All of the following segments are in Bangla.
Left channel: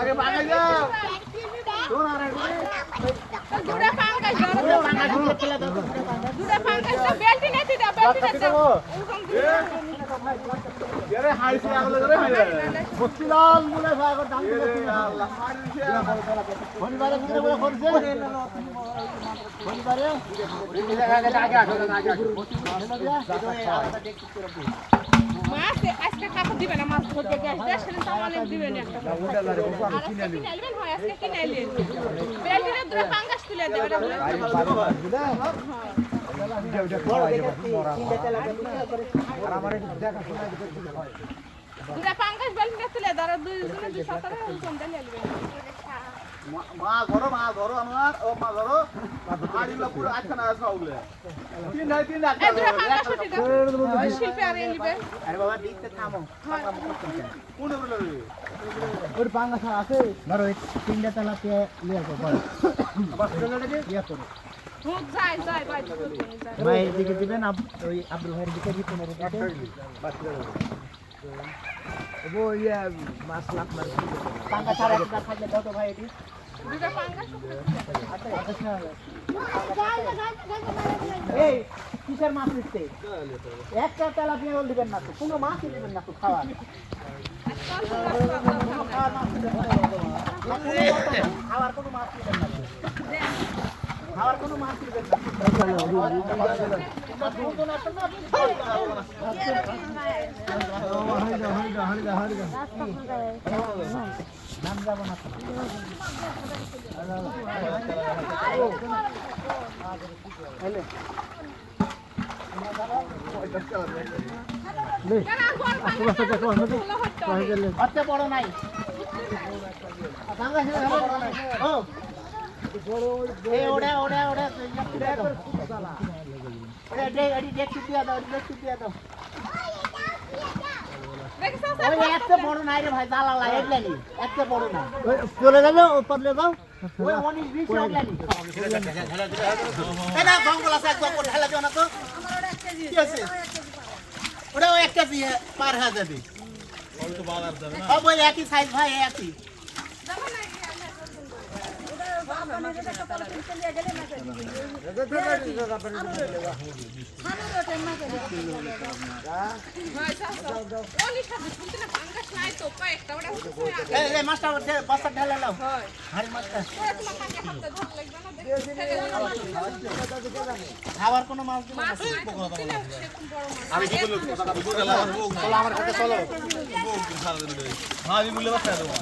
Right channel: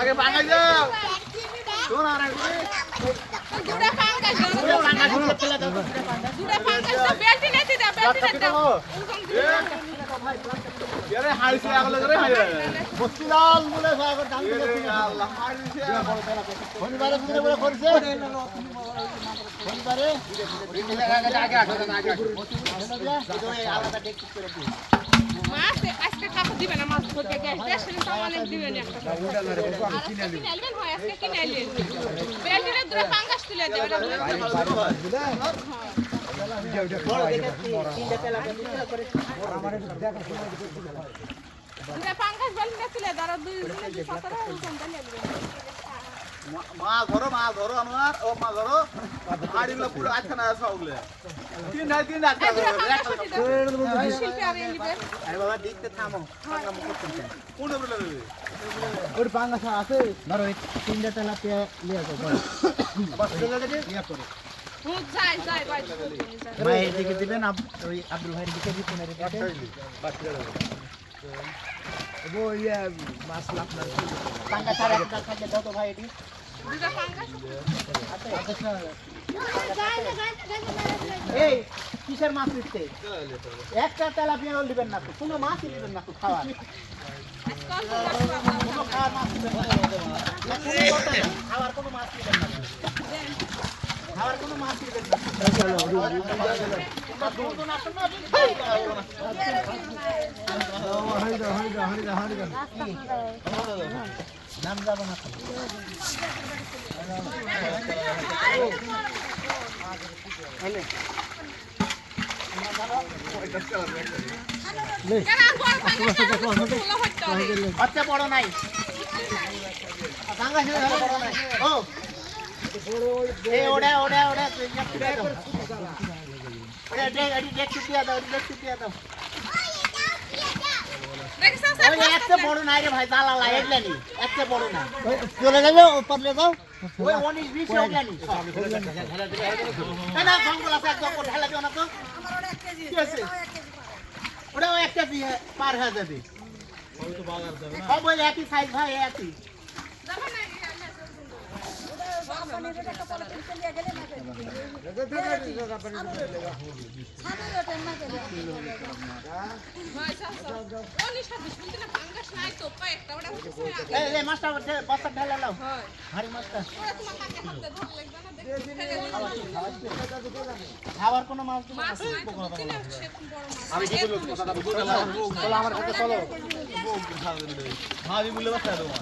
আগে ভাঙা যাও শোন আর আগে দুটো পাঙ্গা ঢুকে ফেলে দাও দুটো পাঙ্গা বেলটি নেতে দাও বেলটি নেতে দাও আরে হাইছে আগলে করে হাই মুশকিলাল বলে সাগর দাম দিলে আল্লাহ হাইছে শনিবারে কিনে বলে করছে শনিবারে আগে আলাদা দেখতে করে মাছ আজকে কাপড় দিবে না মাছ ধরতে গ্যাস দেশে তো অনেক দিবে না কিনে নেবেন হয় আজকে কিনে নেবেন বেলটিনে দুটো পাঙ্গাস তুলে দেবে বড় দেখে তিনটা তেলা করে আমারে দুটো পাঙ্গাস বেলটিনে তুলে ধরো দুই 17 কোনটা নেবে মা ধরো আনোয়ার ও মা ধরো আড়িগুলো পুরো আটখানা সবগুলো তিন আটটা আরে বাবা দেখতে থামো পাঙ্গা মুখ করতে কোন উপরে লড়বে ওর পাঙ্গা আছে ধরো তিনটা তেলাপিয়া নিয়ে আসো বড় বাস চলে ইয়া করো যাই ভাই এদিকে দিবেন ওই আব্দুল ভাইয়ের দিকে দিতে না রে বাস চলে ও ইয়া মাছ আপনার পাঙ্গা ছাড়া একটা থাকে দাও তো ভাই এটি দুটো পাঙ্গা আচ্ছা এই কিসের মাছ নিতে একটা তেলাপিয়া রোল দিবেন না তো কোনো মাছই দিবেন না তো খাওয়ার কোনো খাওয়ার মাছ দিবেন না খাওয়ার কোনো মাছ দিবেন না খাওয়ার কোনো মাছ দিবেন না নাম যাব না আচ্ছা বড় নাই ও ওড়া একটা বড় নাই রে ভাই দালালা এগলানি একটা বড় নাই চলে যাবে পারলে দাও ওই 19 20 এগলানি এটা জঙ্গল আছে একদম ঢালা দিও না তো কি আছে ওটা একটা দিয়ে পার হয়ে যাবে ওই তো বাজার যাবে না সব ওই একই সাইজ ভাই একই মাছটা বস্তা ঢেলে নাও হাড়ি মাছটা খাবার কোনো মাছ দিব না আমি কি বলবো কথাটা চলো আমার কাছে চলো আমি বললে বাসা দেবো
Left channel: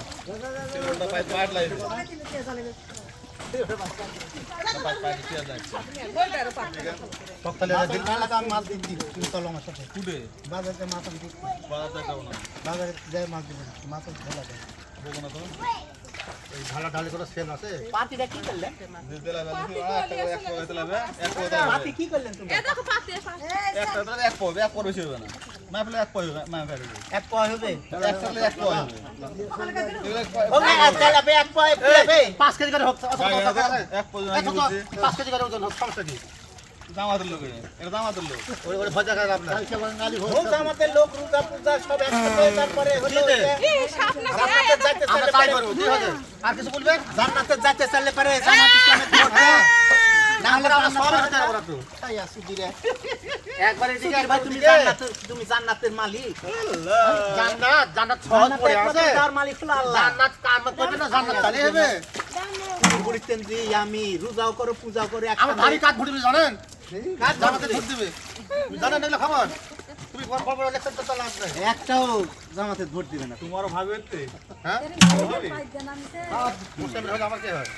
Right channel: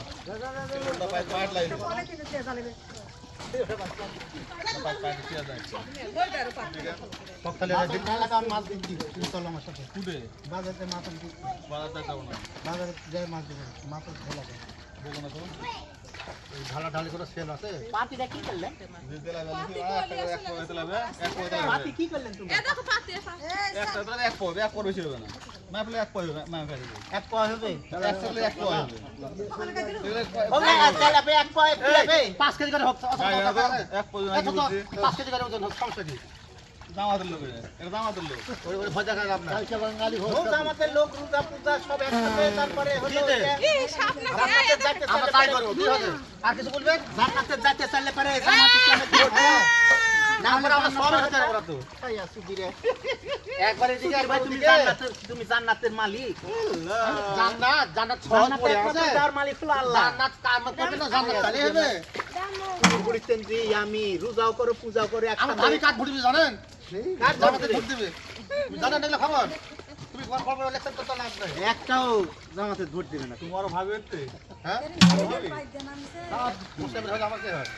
মাছ দিচ্ছি তুমি চলো আমার সাথে বাজারে মাছ আমি বাজারে যাবো না বাজারে যাই মাছ দিব মাছ ভালো লাগে বলবো না তো এই ঢালা ঢালি করে সেল আছে পাতিটা কি করলেন পাতি কি করলেন তুমি একটা তো এক পয় বেশি হবে না না ফেলে এক পয় হবে না ফেলে এক পয় হবে একসাথে এক পয় হবে ওকে আজকাল আপনি এক পয় ফেলে 5 কেজি করে হোক এক পয় 5 কেজি করে ওজন হোক সমস্যা কি জামাতের লোক এটা জামাতের লোক ওই ওই ভজা খায় আপনার কালকে বাঙালি হোক জামাতের লোক রোজা পূজা সব একসাথে তারপরে হলো আমার সাথে যাইতে আমরা তাই করব কি হবে আর কিছু বলবেন জান্নাতে যাইতে চললে পারে জান্নাত ইসলামের ভোট হ্যাঁ আমরা আমরা সব হতে পারব তো এই আসি দিরে একবারে দিকে ভাই তুমি জান্নাতের মালিক আল্লাহ জান্নাত সহজ পড়ে আছে তার মালিক হলো আল্লাহ জান্নাত কাম করবে না জান্নাত চলে হবে বলিতেন যে আমি রোজাও করে পূজা করে আমার ভারী কাট ভুট দিবে জানেন জামাতে ভোট দিবে জানেন এগুলো খবর তুমি বড় ইলেকশন তো লাভ নাই একটাও জামাতে ভোট দিবে না তোমারও ভাবে হচ্ছে হ্যাঁ মুসলিম হলে আমার কি হয়